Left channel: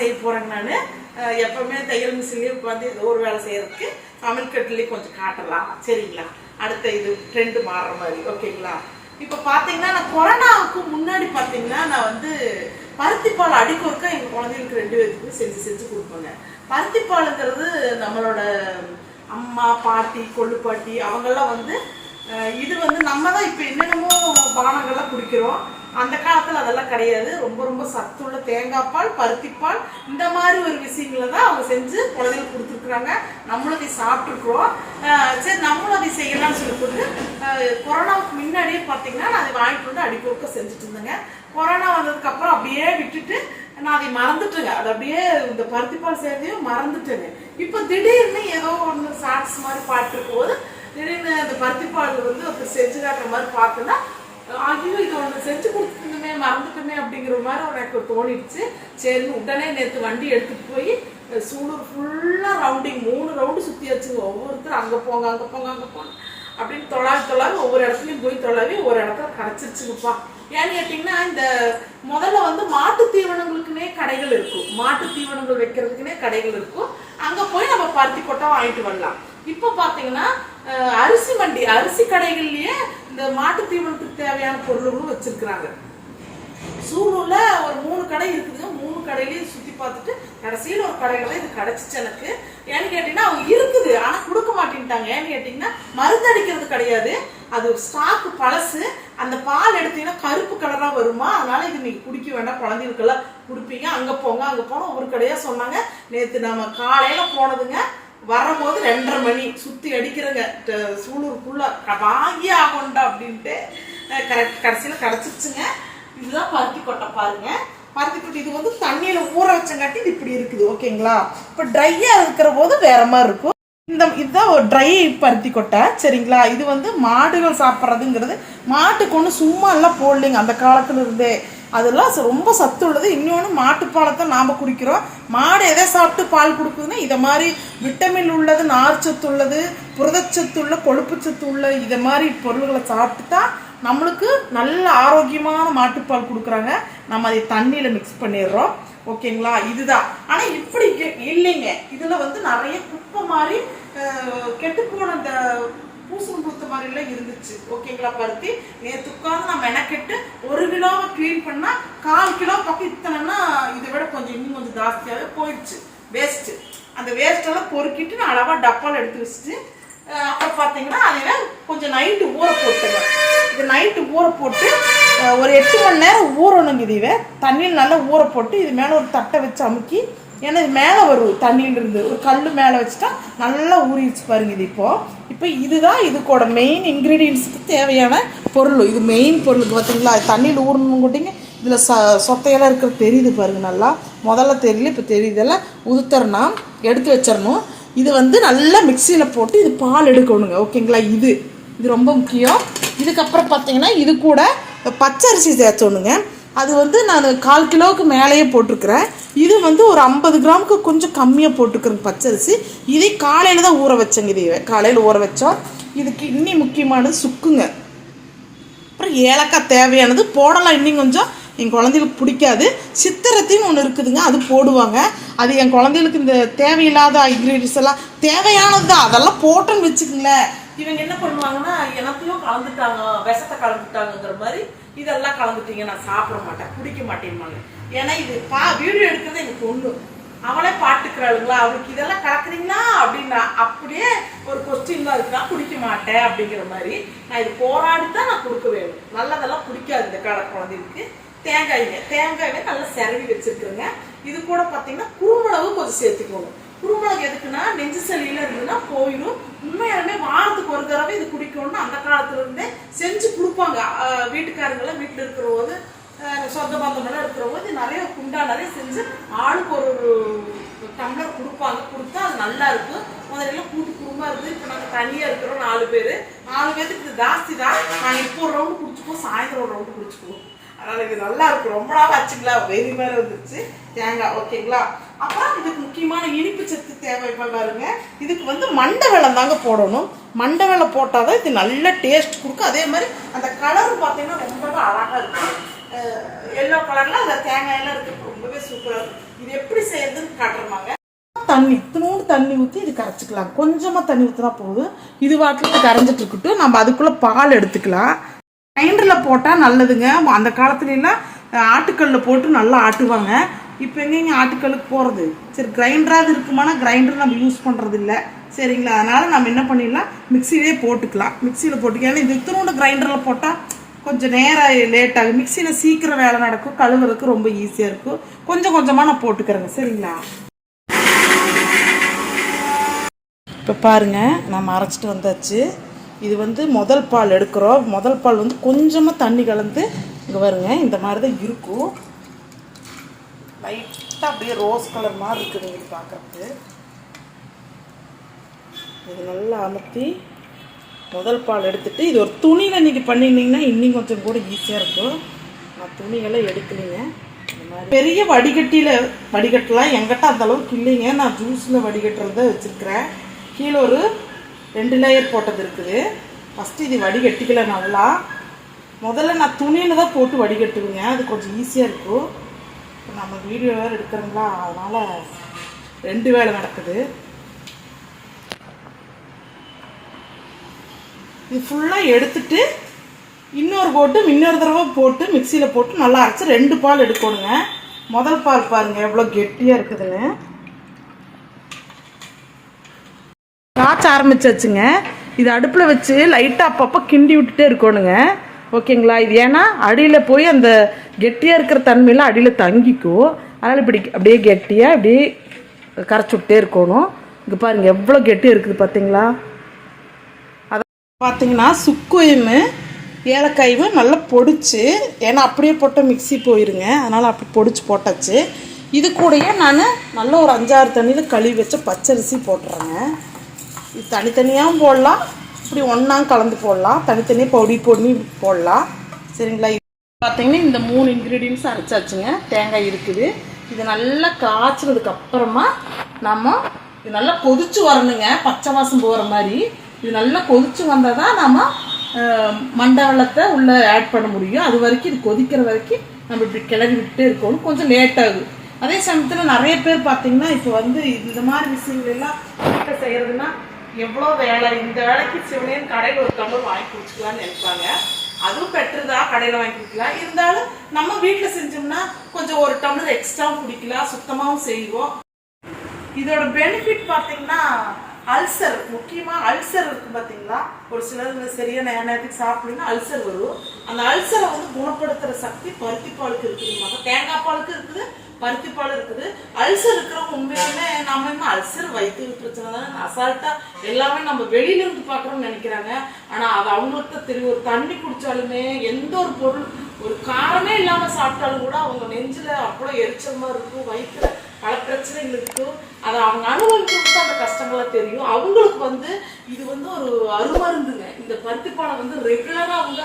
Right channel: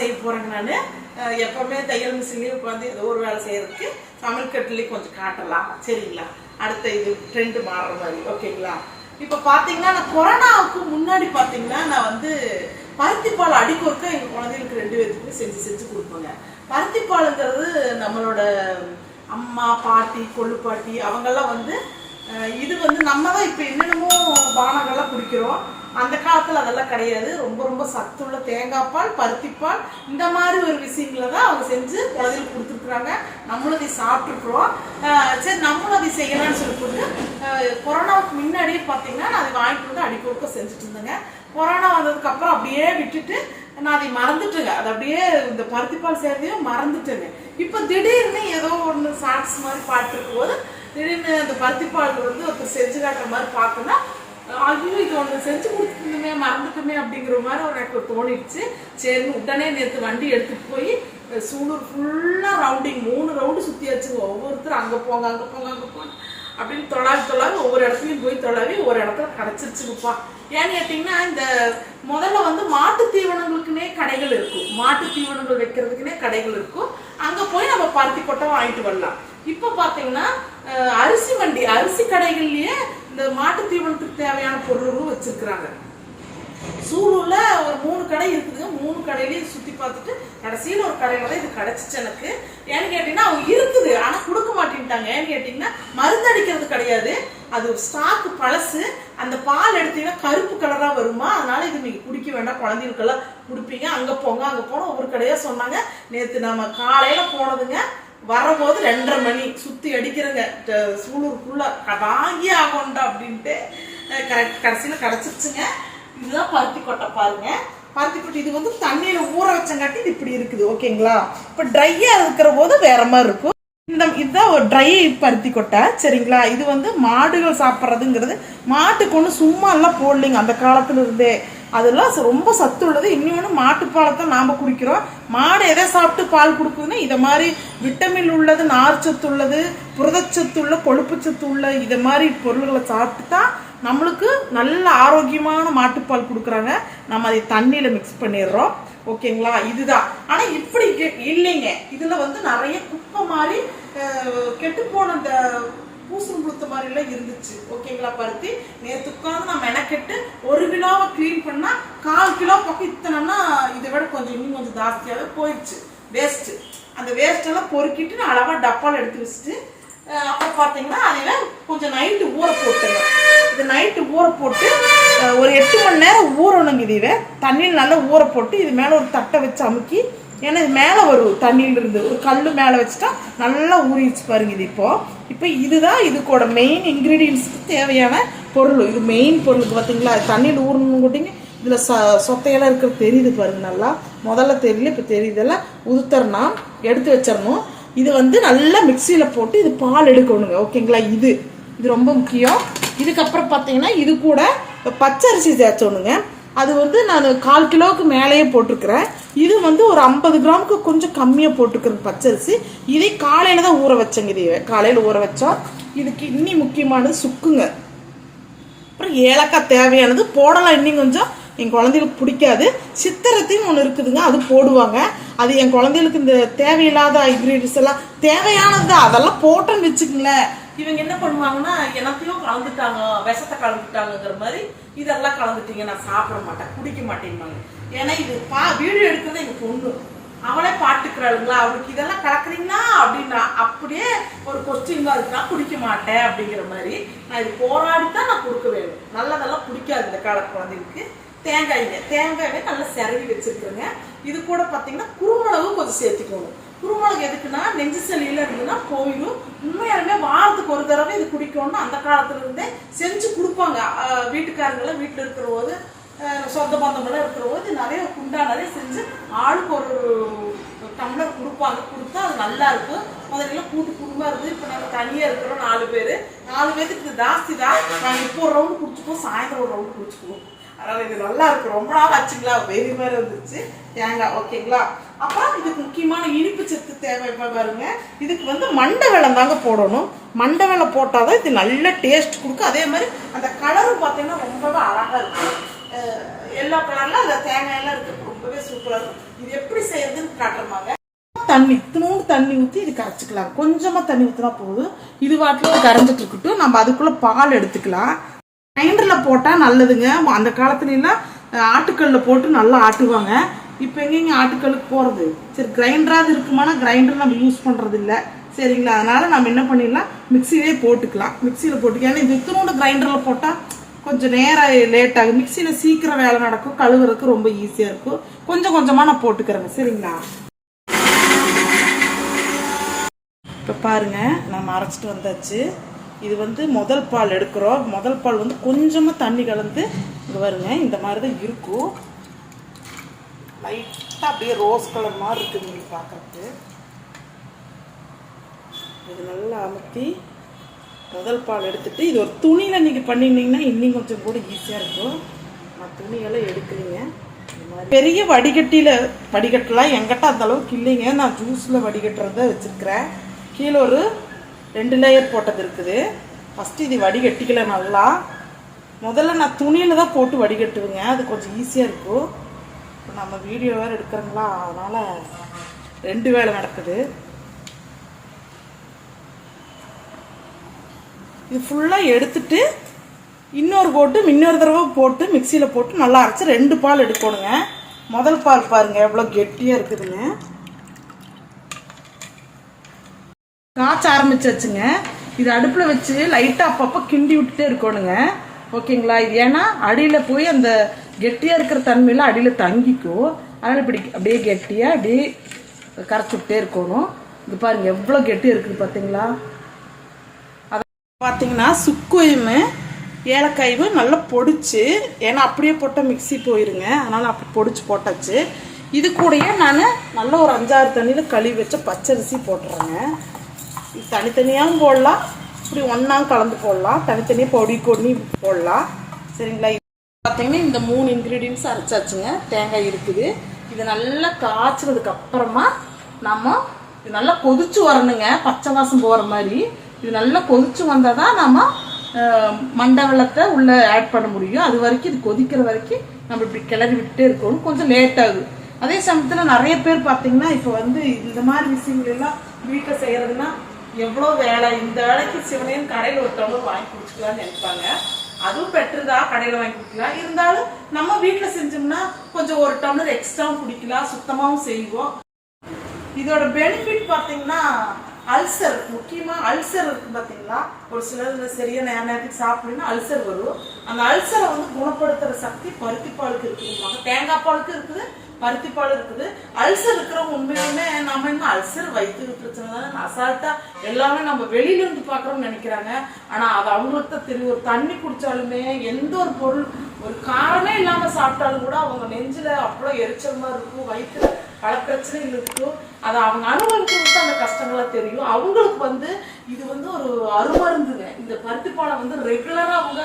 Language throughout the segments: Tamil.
செய்ய போகிறேங்க நான். எப்போவுமே தையல் மிஷின்லேயும் உட்காந்து ஏதோ ஒரு வேலை செய்கிறதுக்கு சமையல் கொஞ்சம் காட்டலாம். சரிங்களா? அடுத்த இது ட்ரெண்டு மாறுற மாதிரி. ஓகேங்களா? இப்போ பார்த்தீங்கன்னா நான் கொரோனாவுக்கு முன்னாடி பார்த்தீங்கன்னா நான் வந்து பருத்திப்பால் அடிக்கொருக்க எங்கள் குழந்தைகளுக்கு ரெண்டு பேருக்குமே செஞ்சு செஞ்சு கொடுப்பேங்க. பருத்திப்பாலுங்கிறது நம்மளோட அம்மா பாட்டி கொள்ளு பாட்டி அவங்கெல்லாம் வந்து இது வந்து நம்ம தான் இப்போ என்னென்னமோ பானங்கள்லாம் குடிக்கிறோம். அந்த காலத்தில் அதெல்லாம் கிடையாது. ரொம்ப ரொம்ப சத்துள்ள தேங்காய் பால் பருத்திப்பால் இந்த மாதிரி ஒரு விஷயங்களை தான் அவங்க செஞ்சு குழந்தைகளுக்கு கொடுத்துருக்குறாங்க. நம்மளும் அதை சாப்பிட்ருக்குறோம் சரி நம்மளும் அதை செய்யலாம்னு சொல்லி போட்டு கொரோனாவுக்கு முன்னாடியே பார்த்தீங்கன்னா நான் அதை வாங்கிட்டு வந்து அடிக்கொடுக்க செஞ்சுட்டு இருந்தேங்க. கொரோனா வந்ததுக்கு அப்புறம் அப்படியே விட்டுட்டு நான் அதை மறந்துட்டேங்க. அது அப்படியே இந்த பருத்திப்பால் சேர்ந்தையும் மறந்துட்டேங்க. இப்போ திடீர்னு ஏதோ ஒன்று ஷார்ட்ஸ் மாதிரி பார்த்துருக்கும் போது திடீர்னு அந்த பருத்திப்பால் வந்து ஒருத்தர் செஞ்சு காட்டுற மாதிரி பார்த்தோன்னா ஐயோ இது ஒன்று செஞ்சு கொடுத்துருந்தோமே மறந்துட்டோமே அப்படிங்கிற மாதிரி எனக்கு தோணிடுச்சு. சரின்னு உடனே நேற்று வண்டி எடுத்துகிட்டு போய் சூலூர் ஃபுல்லாக ரவுண்டிங் மூணு ரவுண்டு சுற்றியாச்சுங்க ஒவ்வொருத்தரும் அங்கே போங்க அங்கே போங்க அங்கே போங்க அப்படின்னு தொழாவி தொழாவி ஒவ்வொரு இடத்துலையும் போய் தொழாவி ஒரு இடத்துல கிடச்சிருச்சுக்குப்பா ஏன்னு கேட்டிங்கன்னா இந்த முதல்ல வந்து மாட்டு தீவனங்களுக்குனே கடைகள் இருக்கும். மாட்டு தீவனங்கள் வைக்கிறதுக்குனே கடைகள் இருக்கும். அங்கே போய் நம்ம பருத்தி கொட்டை வாங்கிட்டு வரலாம். இப்போ பார்த்தீங்கன்னா அஹ், அரிசி மண்டி அரிசி கடைகள்லயே இந்த மாட்டு தீவனத்துக்கு தேவையான பொருள்களும் வச்சிருக்கிறாங்க. சூலூர்ல ஒரு மூணு கடை இருக்குதுங்க. மூணு கடையிலயும் சுத்தி பார்த்துட்டு கடைசியில் ஒரு கடையில தான் இது கிடைச்சிச்சு எனக்கு. ஏன்னு கேட்டீங்கன்னா அவங்க இருக்குது ஆனா கொடுக்க மாட்டேன்ட்டாங்க. ஏன்னு கேட்டீங்கன்னா மருந்து அடிக்கிறது கிடையாது. அது ஒரு ஸ்டாக் பழசு. அந்த பால் எடுத்தீங்கன்னா கருப்பு கலரா வருமா? அதனால இது நீங்க குடிக்க வேண்டாம். குழந்தைகளுக்கெல்லாம் குடிப்பீங்க. அங்க போங்க அங்க போன ஒவ்வொரு கடையா சொன்னாங்க. நேத்து நம்ம காலையில போனதுங்க. வரும்போது ரெண்டரை மணி சுத்தி அடிக்கிறங்க. ட- சூலூருக்குள்ள வாங்கி ஆகண்டா அப்படின்ட்டு கரெக்ட் கடைசியில் கிடச்சிருச்சுங்க இதுதான் பருத்தி கொட்டை பாருங்க. பருத்தி கொட்டை இது வந்து தண்ணியில ஊற வச்சங்காட்டி இது இப்படி இருக்குது ஓகேங்களா? இப்போ ட்ரையா இருக்கிற போது வேற மாதிரி இருக்கும். இந்த இதுதான் ஒரு ட்ரை பருத்தி கொட்டை சரிங்களா? இது வந்து மாடுகள் சாப்பிட்றதுங்கிறது மாட்டுக்கு ஒன்று சும்மா எல்லாம் போடலைங்க. அந்த காலத்துல இருந்தே. அதெல்லாம் ரொம்ப சத்து உள்ளது. இன்னொன்று மாட்டுப்பாலை தான் நாம் குடிக்கிறோம். மாடு எதை சாப்பிட்டு பால் கொடுக்குதுன்னா இதை மாதிரி விட்டமின் உள்ளது நார்ச்சத்து உள்ளது புரதச்சத்து உள்ள கொழுப்புச்சத்து உள்ள இதை மாதிரி பொருள்களை சாப்பிட்டு தான் நம்மளுக்கு நல்ல ஆரோக்கியமான மாட்டுப்பால் கொடுக்குறாங்க. நம்ம அதை தண்ணியில் மிக்ஸ் பண்ணிடுறோம். ஓகேங்களா இதுதான். ஆனால் இப்படி இல்லைங்க. இதில் வந்து நிறைய குப்பை மாதிரி கெட்டு போன அந்த பூசணம் புழுத்த மாதிரிலாம் இருந்துச்சு. ஓகேங்களா பருத்தி? நேற்று உட்காந்து நான் மெனக்கெட்டு ஒரு கிலோவை க்ளீன் பண்ணா கால் கிலோ பக்கம் இத்தனைன்னா இதை விட கொஞ்சம் இன்னும் கொஞ்சம் ஜாஸ்தியாகவே போயிடுச்சு வேஸ்ட்டு அந்த வேஸ்ட்டெல்லாம் பொறுக்கிட்டு நான் அளவாக டப்பால் எடுத்து வச்சுட்டு அப்புறம் அப்போ பார்த்தீங்கன்னா அதில் கொஞ்சம் நைட்டு ஊற போட்டுங்க இது நைட்டு ஊற போட்டு ஒரு எட்டு மணி நேரம் ஊறணுங்க இதுவே தண்ணியில் நல்லா ஊற போட்டு இது மேலே ஒரு தட்டை வச்சு அமுக்கி ஏன்னா இது மேலே வரும் தண்ணியிலிருந்து ஒரு கல் மேலே வச்சுட்டா நல்லா ஊறிடுச்சு பாருங்க இது இப்போது இப்போ இதுதான் இதுக்கோட மெயின் இன்க்ரீடியன்ஸுக்கு தேவையான பொருள். இது மெயின் பொருளுக்கு பார்த்தீங்களா தண்ணியில் ஊறணும் கூட்டிங்க இதில் ச சொத்தையெல்லாம் இருக்கிற தெரியுது பாருங்க நல்லா. முதல்ல தெரியல இப்போ தெரியுதெல்லாம் எல்லாம் எடுத்து வச்சிடணும். இது வந்து நல்லா மிக்சியில் போட்டு இது பால் எடுக்கணுங்க. ஓகேங்களா? இது. இது ரொம்ப முக்கியம். இதுக்கப்புறம் பார்த்தீங்கன்னா இது கூட பச்சரிசி சேர்த்தணுங்க அது வந்து நான் கால் கிலோவுக்கு மேலேயே போட்டிருக்கிறேன். இது வந்து ஒரு ஐம்பது கிராமுக்கு கொஞ்சம் கம்மியாக போட்டுக்கிறேன் பச்சரிசி. இதை காலையில் தான் ஊற வச்சேங்க இது. காலையில் ஊற வச்சோம் இதுக்கு இன்னி முக்கியமானது சுக்குங்க. அப்புறம் ஏலக்காய் தேவையானது போடலாம் இன்னும் கொஞ்சம். என் குழந்தைகளுக்கு பிடிக்காது. சித்திரத்தின்னு ஒன்று இருக்குதுங்க அது போடுவாங்க. அது என் குழந்தைகளுக்கு இந்த தேவையில்லாத இன்க்ரீடியன்ஸ் எல்லாம் தேவையானது தான் அதெல்லாம் போட்டோன்னு வச்சுக்கங்களேன். இவங்க என்ன பண்ணுவாங்கன்னா எனத்தையும் கலந்துட்டாங்க விஷத்தை கலந்துட்டாங்கங்கிற மாதிரி இதெல்லாம் கலந்துட்டீங்க நான் சாப்பிட மாட்டேன் குடிக்க மாட்டேன்பாங்க. ஏன்னா இது பா வீடியோ எடுக்கிறது எங்கள் பொண்ணு அவளே பாட்டுக்கிறாளுங்களா அவளுக்கு இதெல்லாம் கலக்குறீங்கன்னா அப்படின்னா அப்படியே ஒரு கொஸ்டின் தான் இருக்கு நான் குடிக்க மாட்டேன் அப்படிங்கிற மாதிரி நான் இது போராடி தான் நான் கொடுக்க வேணும் நல்லதெல்லாம் பிடிக்காது இந்த கால குழந்தைக்கு தேங்காய்ங்க தேங்காயை நல்லா செரவி வச்சிருக்கிறேங்க. இது கூட பார்த்தீங்கன்னா குறுமளவு கொஞ்சம் சேர்த்துக்கணும் குருமிளகு எதுக்குன்னா நெஞ்சு சளியில இருந்துன்னா போயிடும் உண்மையாலுமே வாரத்துக்கு ஒரு தடவை இது குடிக்கணும்னு அந்த காலத்துல இருந்தே செஞ்சு கொடுப்பாங்க. அஹ் வீட்டுக்காரங்களாம் வீட்டில் இருக்கிற போது சொந்த பந்தமெல்லாம் இருக்கிற போது நிறைய குண்டா நிறைய செஞ்சு ஆளுக்கு ஒரு ஒரு டம்ளர் கொடுப்பாங்க. கொடுத்தா அது நல்லா இருக்கும். முதல்ல எல்லாம் கூட்டு குடும்பம் இருந்து இப்போ நாங்கள் தனியாக இருக்கிறோம் நாலு பேர். நாலு பேருக்கு இது ஜாஸ்தி தான். நாங்கள் இப்போ ஒரு ரவுண்டு குடிச்சுப்போம் சாயந்தரம் ஒரு ரவுண்டு குடிச்சுக்குவோம். அதனால இது நல்லா இருக்கு ரொம்ப நாள் ஆச்சுங்களா? வெறி மாதிரி வந்துருச்சு. தேங்காய் ஓகேங்களா? அப்புறம் இதுக்கு முக்கியமான இனிப்பு சத்து தேவை பாருங்க. இதுக்கு வந்து மண்டை வெள்ளம் தாங்க போடணும். மண்டை வெல்லம் போட்டால் தான் இது நல்ல டேஸ்ட் கொடுக்கும். அதே மாதிரி அந்த கலரும் பார்த்தீங்கன்னா ரொம்பவே அழகாக இருக்கும். எல்லோ கலர்ல அந்த தேங்காயெல்லாம் இருக்கு. ரொம்பவே சூப்பராக இருக்கும். இது எப்படி செய்யறதுன்னு காட்டுறமாங்க தண்ணி இத்தினோண்டு தண்ணி ஊற்றி இது கரைச்சிக்கலாம். கொஞ்சமாக தண்ணி ஊற்றினா போதும். இது வாட்டில் கரைஞ்சிட்டு இருக்கட்டும். நம்ம அதுக்குள்ளே பால் எடுத்துக்கலாம். கிரைண்டரில் போட்டால் நல்லதுங்க. அந்த காலத்துலலாம் ஆட்டுக்கல்லில் போட்டு நல்லா ஆட்டுவாங்க. இப்போ எங்கேங்க ஆட்டுக்களுக்கு போகிறது சரி கிரைண்டராக இருக்குமானா கிரைண்டர் நம்ம யூஸ் பண்ணுறது இல்லை சரிங்களா? அதனால் நம்ம என்ன பண்ணிடலாம்? மிக்சிலே போட்டுக்கலாம். மிக்சியில் போட்டுக்கலாம் ஏன்னா இது இத்தனோட கிரைண்டரில் போட்டால் கொஞ்சம் நேரம் லேட் ஆகும் மிக்சியில் சீக்கிரம் வேலை நடக்கும். கழுவுறதுக்கு ரொம்ப ஈஸியாக இருக்கும். கொஞ்சம் கொஞ்சமாக நான் போட்டுக்கிறேங்க. சரிங்களா? இப்போ பாருங்க நம்ம அரைச்சிட்டு வந்தாச்சு. இது வந்து முதல் பால் எடுக்கிறோம். முதல் பால் வந்து கொஞ்சமாக தண்ணி கலந்து இங்கே வருங்க இந்த மாதிரி தான் இருக்கும். லைட்டாக அப்படியே ரோஸ் கலர் மாதிரி இருக்குது உங்களுக்கு பார்க்கறதுக்கு. இது நல்லா அமர்த்தி முதல் பால் எடுத்துகிட்டு இது ஒரு துணியில் நீங்கள் பண்ணியிருந்தீங்கன்னா இன்னும் கொஞ்சம் கூட ஈஸியாக இருக்கும். நான் துணியெல்லாம் எடுக்கலைங்க. பெரிய வடிகட்டியில் வடிகட்டலாம். எங்கிட்ட அந்த அளவுக்கு இல்லைங்க. நான் ஜூஸில் வடிகட்டுறத வச்சுருக்கிறேன். கீழே ஒரு ரெண்டு லேயர் போட்டது இருக்குது. ஃபஸ்ட்டு இது வடிகட்டிக்கல நல்லா. முதல்ல நான் துணியில் தான் போட்டு வடிகட்டுவேங்க. அது கொஞ்சம் ஈஸியாக இருக்கும். நம்ம வீடியோ வேறு எடுக்கிறோங்களா அதனால் ரெண்டு வேலை நடக்குது. இது ஃபுல்லாக எடுத்துட்டு இன்னொரு போட்டு இன்னொரு தடவை போட்டு மிக்சியில் போட்டு நல்லா அரைச்சி ரெண்டு பால் எடுக்கணுங்க. முதல் பால் பாருங்க எவ்வளோ கெட்டியாக இருக்குதுன்னு. காய்ச்ச ஆரம்பிச்சாச்சுங்க. இது அடுப்பில் வச்சு லைட்டாக அப்பப்போ கிண்டி விட்டுட்டே இருக்கணுங்க. ஓகேங்களா? இது ஏன்னா அடியில் போய் அந்த கெட்டியாக இருக்கிற தன்மையெல்லாம் அடியில் தங்கிக்கும். அதனால் இப்படி அப்படியே கெட்டியாக அப்படியே கரைச்சி விட்டே இருக்கணும். இங்கே பாருங்கள் எவ்வளோ கெட்டியாக இருக்குது பார்த்தீங்களா பார்த்தீங்கன்னா சுக்குயமு ஏலக்காயும் நல்லா பொடிச்சு ஏன்னா அப்படியே போட்டால் மிக்ஸி போயிருங்க. அதனால் அப்படி பொடிச்சு போட்டாச்சு. இது கூடயே நான் நல்ல ஒரு அஞ்சாறு தண்ணியில் கழுவி வச்ச பச்சரிசி போட்டுறேங்க. இது தனித்தனியாகவும் போடலாம் இப்படி ஒன்றா கலந்து போடலாம். தனித்தனியாக பொடி பொடி போடலாம். சரிங்களா? பார்த்தீங்கன்னா இந்த மூணு இன்க்ரீடியன்ஸ் அரைச்சாச்சுங்க. தேங்காய் இருக்குது. இது நல்லா காய்ச்சினதுக்கு அப்புறமா நம்ம இது நல்லா கொதிச்சு வரணுங்க. பச்சை வாசம் போகிற மாதிரி. இது நல்லா கொதிச்சு வந்தால் தான் நம்ம மண்டவளத்தை உள்ளே ஆட் பண்ண முடியும். அது வரைக்கும் இது கொதிக்கிற வரைக்கும் நம்ம இப்படி கிளறி விட்டே இருக்கணும். கொஞ்சம் லேட் ஆகும் அதே சமயத்தில் நிறைய பேர் பார்த்தீங்கன்னா இப்போ வந்து இந்த மாதிரி விஷயங்கள் எல்லாம் வீட்டில் செய்கிறதுனா எவ்வளோ வேலை. இந்த வேலைக்கு சிவனையும் கடையில் ஒரு டம்ளர் வாங்கி குடிச்சிக்கலாம்னு நினைப்பாங்க. அதுவும் பெட்டர் தான் கடையில் வாங்கி குடிக்கலாம் இருந்தாலும் நம்ம வீட்டில் செஞ்சோம்னா கொஞ்சம் ஒரு டம்ளர் எக்ஸ்ட்ராவும் குடிக்கலாம் சுத்தமாகவும் செய்வோம். இதோட பெனிஃபிட் பாத்தீங்கன்னா அல்சர் முக்கியமா அல்சர் இருக்கு பாத்தீங்களா ஒரு சிலர் இந்த சரியா நேர நேரத்துக்கு சாப்பிடலன்னா அல்சர் வரும். அந்த அல்சரை வந்து குணப்படுத்துற சக்தி பருத்தி பாலுக்கு இருக்குதுங்க தேங்காய் பாலுக்கு இருக்குது பருத்திப்பால் இருக்குது. அல்சர் இருக்கிறவங்க உண்மையுமே நம்ம என்ன அல்சர் வயிற்று பிரச்சனை தானே? அசால்ட்டா எல்லாமே நம்ம வெளியில இருந்து பாக்குறோம்னு நினைக்கிறாங்க. ஆனா அது அவங்களுக்கு தான் தெரியும் ஒரு தண்ணி குடிச்சாலுமே எந்த ஒரு பொருள் ஒரு காரமே இல்லாம சாப்பிட்டாலும் கூட அவங்க நெஞ்சில அவ்வளோ எரிச்சல் மாதிரி இருக்கும். வயிற்றுல பல பிரச்சனைகள் இருக்கும். அதை அவங்க அனுபவிக்கிறது அந்த கஷ்டங்களா தெரியும். அவங்களுக்கு வந்து இது வந்து ஒரு அருமருந்துங்க. இந்த பருத்திப்பாலை வந்து ரெகுலரா அவங்க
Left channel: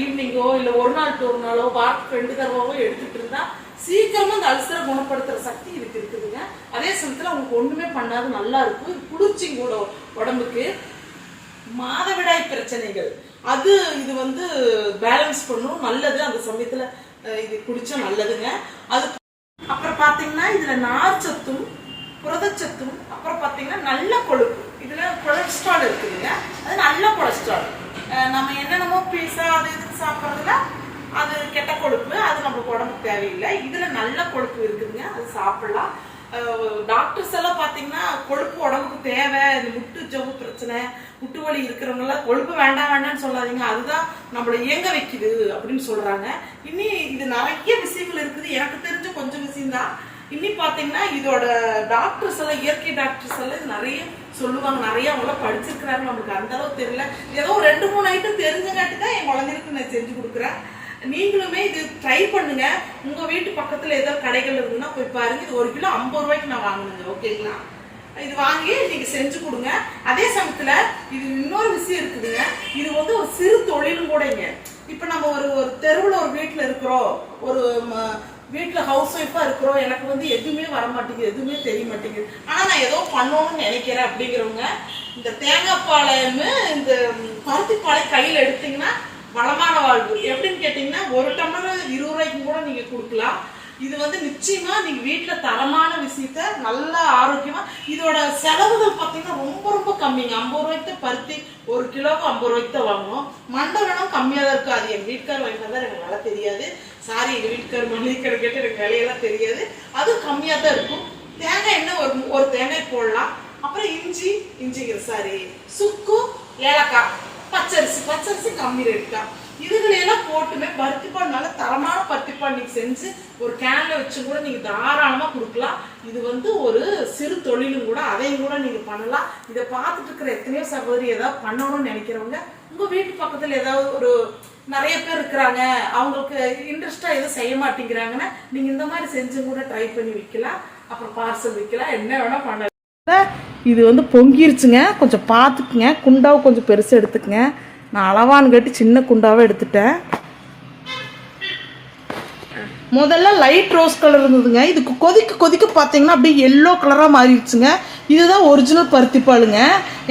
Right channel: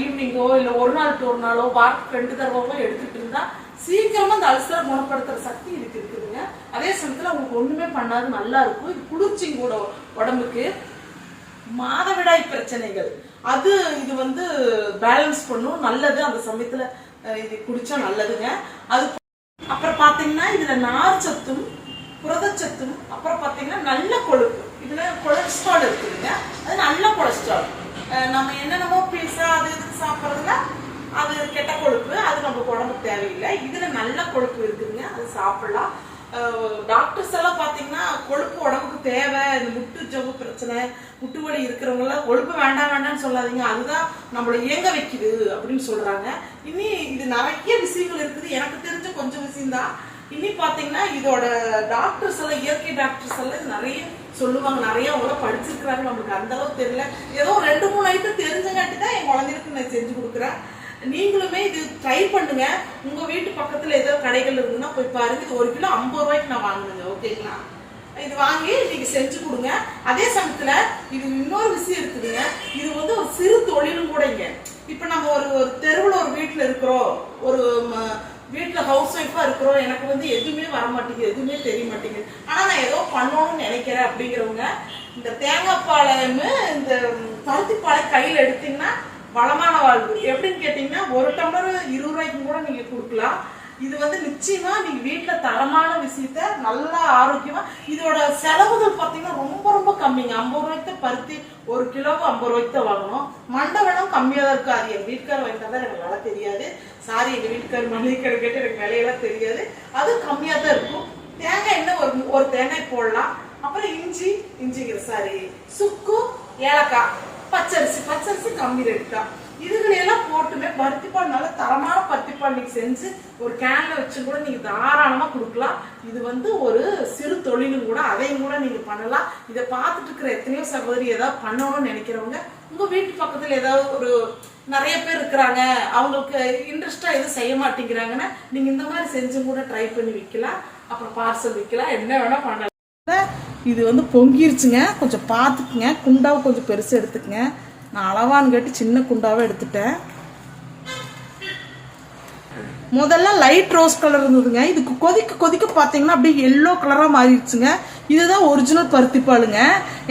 ஈவினிங்கோ இல்ல ஒரு நாள் ஒரு நாளோ வாரத்துக்கு ரெண்டு தடவையோ எடுத்துட்டு இருந்தா சீக்கிரமா அந்த அல்சரை குணப்படுத்துற சக்தி இதுக்கு இருக்குதுங்க. அதே சமயத்துல அவங்களுக்கு ஒண்ணுமே பண்ணாது நல்லா இருக்கும். இது குளிர்ச்சியும் கூட உடம்புக்கு. மாதவிடாய் பிரச்சனைகள். அது இது வந்து பேலன்ஸ் பண்ணும். நல்லது. அந்த சமயத்துல இது குடிச்சா நல்லதுங்க. அது அப்புறம் பாத்தீங்கன்னா இதுல நார் சத்தும் புரதச்சத்தும் அப்புறம் பாத்தீங்கன்னா நல்ல கொழுப்பு. இதுல கொலஸ்ட்ரால் இருக்குதுங்க. அது நல்ல கொலஸ்ட்ரால். நம்ம என்னென்னமோ பீஸா அது இதுன்னு சாப்பிட்றதுல அது கெட்ட கொழுப்பு அது நம்ம உடம்புக்கு தேவையில்லை. இதுல நல்ல கொழுப்பு இருக்குதுங்க. அது சாப்பிடலாம். டாக்டர்ஸ் எல்லாம் பார்த்தீங்கன்னா கொழுப்பு உடம்புக்கு தேவை. இந்த முட்டு ஜவு பிரச்சனை முட்டு வலி இருக்கிறவங்க எல்லாம் கொழுப்பு வேண்டாம் வேண்டாம்னு சொல்லாதீங்க. அதுதான் நம்மளை இயங்க வைக்குது அப்படின்னு சொல்றாங்க. இனி இது நிறைய விஷயங்கள் இருக்குது. எனக்கு தெரிஞ்ச கொஞ்சம் விஷயம்தான். இனி பாத்தீங்கன்னா இதோட டாக்டர்ஸ் எல்லாம் இயற்கை டாக்டர்ஸ் எல்லாம் நிறைய சொல்லுவாங்க. நிறைய அவங்க படிச்சிருக்கிறாங்க. நம்மளுக்கு அந்த அளவுக்கு தெரியல. ஏதோ ரெண்டு மூணு ஐட்டம் தெரிஞ்சங்காட்டி தான் என் குழந்தைகளுக்கு நான் செஞ்சு கொடுக்குறேன். நீங்களுமே இது ட்ரை பண்ணுங்க. உங்க வீட்டு பக்கத்துல ஏதோ கடைகள் இருக்குன்னா போய் பாருங்க. இது ஒரு கிலோ ஐம்பது ரூபாய்க்கு நான் வாங்கினேங்க. ஓகேங்களா இது வாங்கி நீங்க செஞ்சு கொடுங்க. அதே சமயத்துல இது இன்னொரு விஷயம் இருக்குதுங்க. இது வந்து ஒரு சிறு தொழிலும் கூடங்க இப்ப நம்ம ஒரு ஒரு தெருவுல ஒரு வீட்டுல இருக்கிறோம். ஒரு ம- வீட்டுல ஹவுஸ் ஒய்ஃபா இருக்கிறோம். எனக்கு வந்து எதுவுமே வர மாட்டேங்குது எதுவுமே தெரிய மாட்டேங்குது ஆனா நான் ஏதோ பண்ணணும்னு நினைக்கிறேன் அப்படிங்கிறவங்க இந்த தேங்காய் பாளையம் இந்த பருத்தி பாலை கையில எடுத்தீங்கன்னா வளமான வாழ்வு. எப்படின்னு கேட்டிங்கன்னா ஒரு டம்ளர் இருபது ரூபாய்க்கும் கூட நீங்க கொடுக்கலாம். இது வந்து நிச்சயமா நீங்க வீட்டுல தரமான விஷயத்த நல்லா ஆரோக்கியமா இதோட செலவுகள் பார்த்தீங்கன்னா ரொம்ப ரொம்ப கம்மிங்க. ஐம்பது ரூபாய்க்கு பருத்தி ஒரு கிலோவுக்கு ஐம்பது ரூபாய்க்கு தான் வாங்கணும். மண்டை வேணாம் தான் இருக்கும் அது என் வீட்டுக்கார் வாங்கிட்டு தான் எனக்கு விலை தெரியாது. சாரி எங்க வீட்டுக்கார் மளிகை கடை கேட்டு எனக்கு விலையெல்லாம் தெரியாது. அது கம்மியா தான் இருக்கும். தேங்காய் என்ன ஒரு ஒரு தேங்காய் போடலாம். அப்புறம் இஞ்சி இஞ்சிங்கிற சாரி சுக்கு ஏலக்காய். பச்சரிசி பச்சரிசி கம்மி ரேட் தான். இதுகளையெல்லாம் போட்டுமே பருத்திப்பால் நல்ல தரமான பருத்திப்பால் நீங்க செஞ்சு ஒரு கேன்ல வச்சு கூட நீங்க தாராளமா கொடுக்கலாம். இது வந்து ஒரு சிறு தொழிலும் கூட அதையும் கூட நீங்க பண்ணலாம். இதை பார்த்துட்டு இருக்கிற எத்தனையோ சகோதரி ஏதாவது பண்ணணும்னு நினைக்கிறவங்க உங்க வீட்டு பக்கத்துல ஏதாவது ஒரு நிறைய பேர் இருக்கிறாங்க அவங்களுக்கு இன்ட்ரெஸ்டா எதுவும் செய்ய மாட்டேங்கிறாங்கன்னா நீங்க இந்த மாதிரி செஞ்சு கூட ட்ரை பண்ணி விற்கலாம். அப்புறம் பார்சல் விற்கலாம். என்ன வேணா பண்ணலாம். இது வந்து பொங்கிருச்சுங்க. கொஞ்சம் பார்த்துக்குங்க. குண்டாவை கொஞ்சம் பெருசாக எடுத்துக்கங்க. நான் அளவான்னு கேட்டு சின்ன குண்டாவை எடுத்துட்டேன். முதல்ல லைட் ரோஸ் கலர் இருந்ததுங்க. இதுக்கு கொதிக்க கொதிக்க பார்த்தீங்கன்னா அப்படியே எல்லோ கலராக மாறிடுச்சுங்க. இதுதான் ஒரிஜினல் பருத்திப்பாலுங்க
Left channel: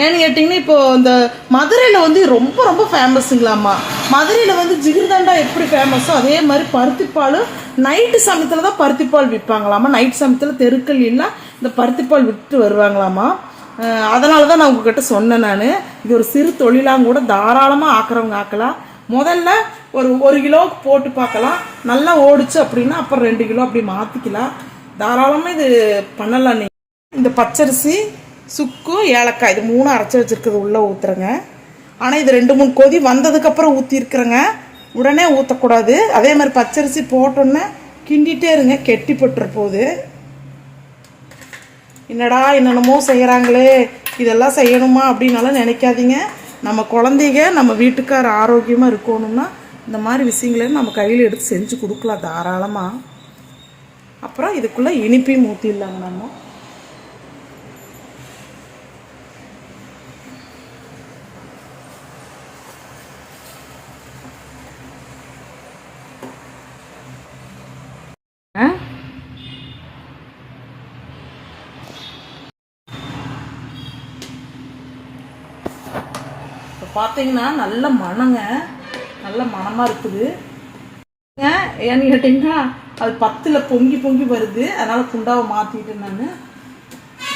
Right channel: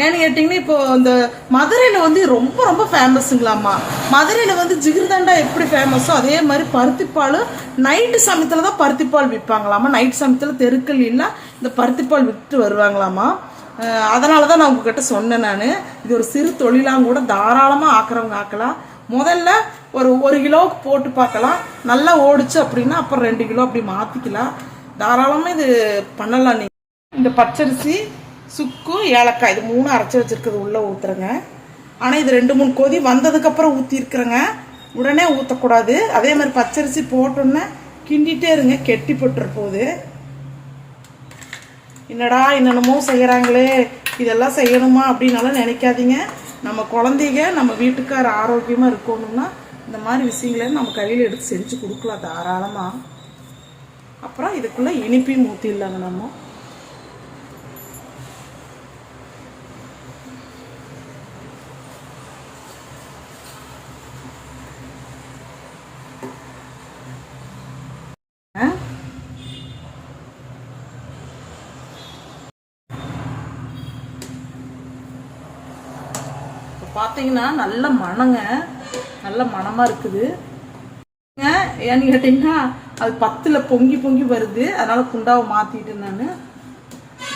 ஏன்னு கேட்டிங்கன்னா இப்போ இந்த மதுரையில் வந்து ரொம்ப ரொம்ப ஃபேமஸுங்களாம்மா மதுரையில் வந்து ஜிகிர்தண்டா எப்படி ஃபேமஸோ அதே மாதிரி பருத்திப்பாலும் நைட்டு சமயத்தில் தான் பருத்திப்பால் விற்பாங்களாமா நைட் சமயத்தில் தெருக்கள் இல்லை இந்த பருத்திப்பால் விட்டு வருவாங்களாமா? அதனால தான் நான் உங்ககிட்ட சொன்னேன் நான். இது ஒரு சிறு தொழிலாக கூட தாராளமாக ஆக்குறவங்க ஆக்கலாம். முதல்ல ஒரு ஒரு கிலோவுக்கு போட்டு பார்க்கலாம். நல்லா ஓடிச்சு அப்படின்னா அப்புறம் ரெண்டு கிலோ அப்படி மாற்றிக்கலாம் தாராளமாக இது பண்ணலாம் நீங்கள் இந்த பச்சரிசி சுக்கு ஏலக்காய் இது மூணு அரைச்சி வச்சுருக்கிறது உள்ளே ஊற்றுறேங்க ஆனால் இது ரெண்டு மூணு கொதி வந்ததுக்கப்புறம் ஊற்றிருக்குறேங்க உடனே ஊற்றக்கூடாது அதே மாதிரி பச்சரிசி போட்டோன்னே கிண்டிகிட்டே இருங்க. கெட்டி போட்டுற போகுது என்னடா என்னென்னமோ செய்கிறாங்களே இதெல்லாம் செய்யணுமா அப்படின்னாலும் நினைக்காதீங்க. நம்ம குழந்தைங்க நம்ம வீட்டுக்கார ஆரோக்கியமாக இருக்கணும்னா இந்த மாதிரி விஷயங்களை நம்ம கையில் எடுத்து செஞ்சு கொடுக்கலாம் தாராளமாக அப்புறம் இதுக்குள்ளே இனிப்பையும் ஊற்றிடலாங்க நம்ம ஆ இப்போ பார்த்தீங்கன்னா நல்ல மணங்க. நல்ல மணமாக இருக்குது. ஏன்னு கேட்டிங்கன்னா அது பத்தில் பொங்கி பொங்கி வருது. அதனால குண்டாவை மாற்றிட்டேன் நான்.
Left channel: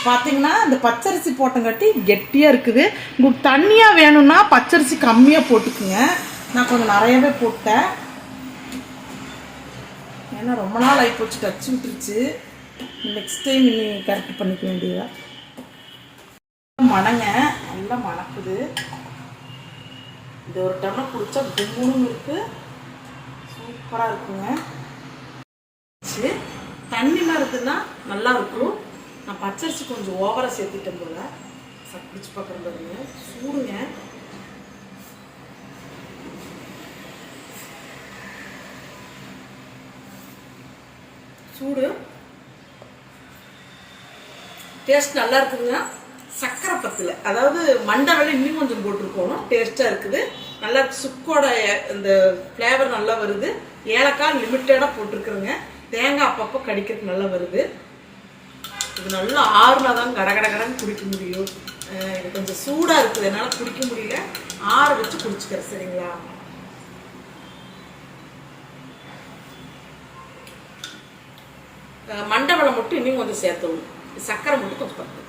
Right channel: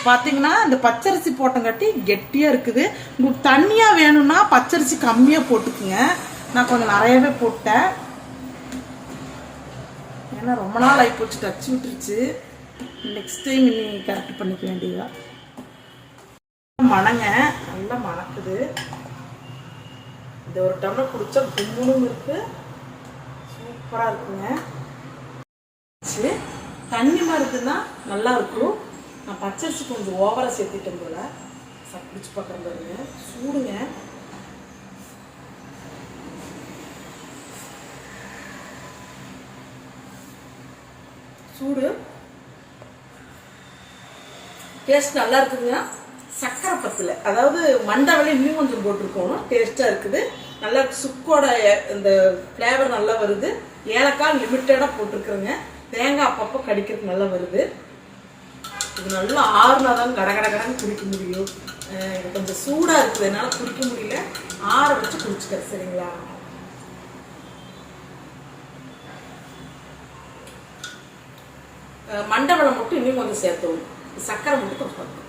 பார்த்தீங்கன்னா இந்த பச்சரிசி போட்டங்காட்டி கெட்டியாக இருக்குது. உங்களுக்கு தண்ணியாக வேணும்னா பச்சரிசி கம்மியாக போட்டுக்குங்க. நான் கொஞ்சம் நிறையவே போட்டேன். ஏன்னா ரொம்ப நாள் ஆகி போச்சு கச்சி விட்டுருச்சு. நெக்ஸ்ட் டைம் இனி கரெக்ட் பண்ணிக்க வேண்டியதா மணங்க. நல்லா மணக்குது. இது ஒரு டம்ளர் குடிச்சா கும்முணும் இருக்கு. சூப்பராக இருக்குங்க. சரி தண்ணி இருக்குன்னா நல்லா இருக்கும். நான் பச்சரிசி கொஞ்சம் ஓவராக சேர்த்துட்டேன் போல. பிடிச்சி பார்க்குறேன் பாருங்க. சூடுங்க. சூடு. டேஸ்ட் நல்லா இருக்குதுங்க. சக்கரை பத்தில் அதாவது மண்டை இன்னும் கொஞ்சம் போட்டிருக்கணும் டேஸ்ட்டாக இருக்குது. நல்லா சுக்கோட இந்த ஃப்ளேவர் நல்லா வருது. ஏலக்காய் லிமிட்டடாக போட்டிருக்குறேங்க. தேங்காய் அப்பப்போ கடிக்கிறதுக்கு நல்லா வருது. இது நல்லா ஆறுனா தான் கட கட கடன்னு குடிக்க முடியும். எனக்கு கொஞ்சம் சூடாக இருக்குது. என்னால் குடிக்க முடியல. ஆற வச்சு குடிச்சுக்கிறேன். சரிங்களா? அஹ் மட்டும் இன்னும் கொஞ்சம் சேர்த்தணும் சக்கரை மட்டும் கொஞ்சம் பார்த்து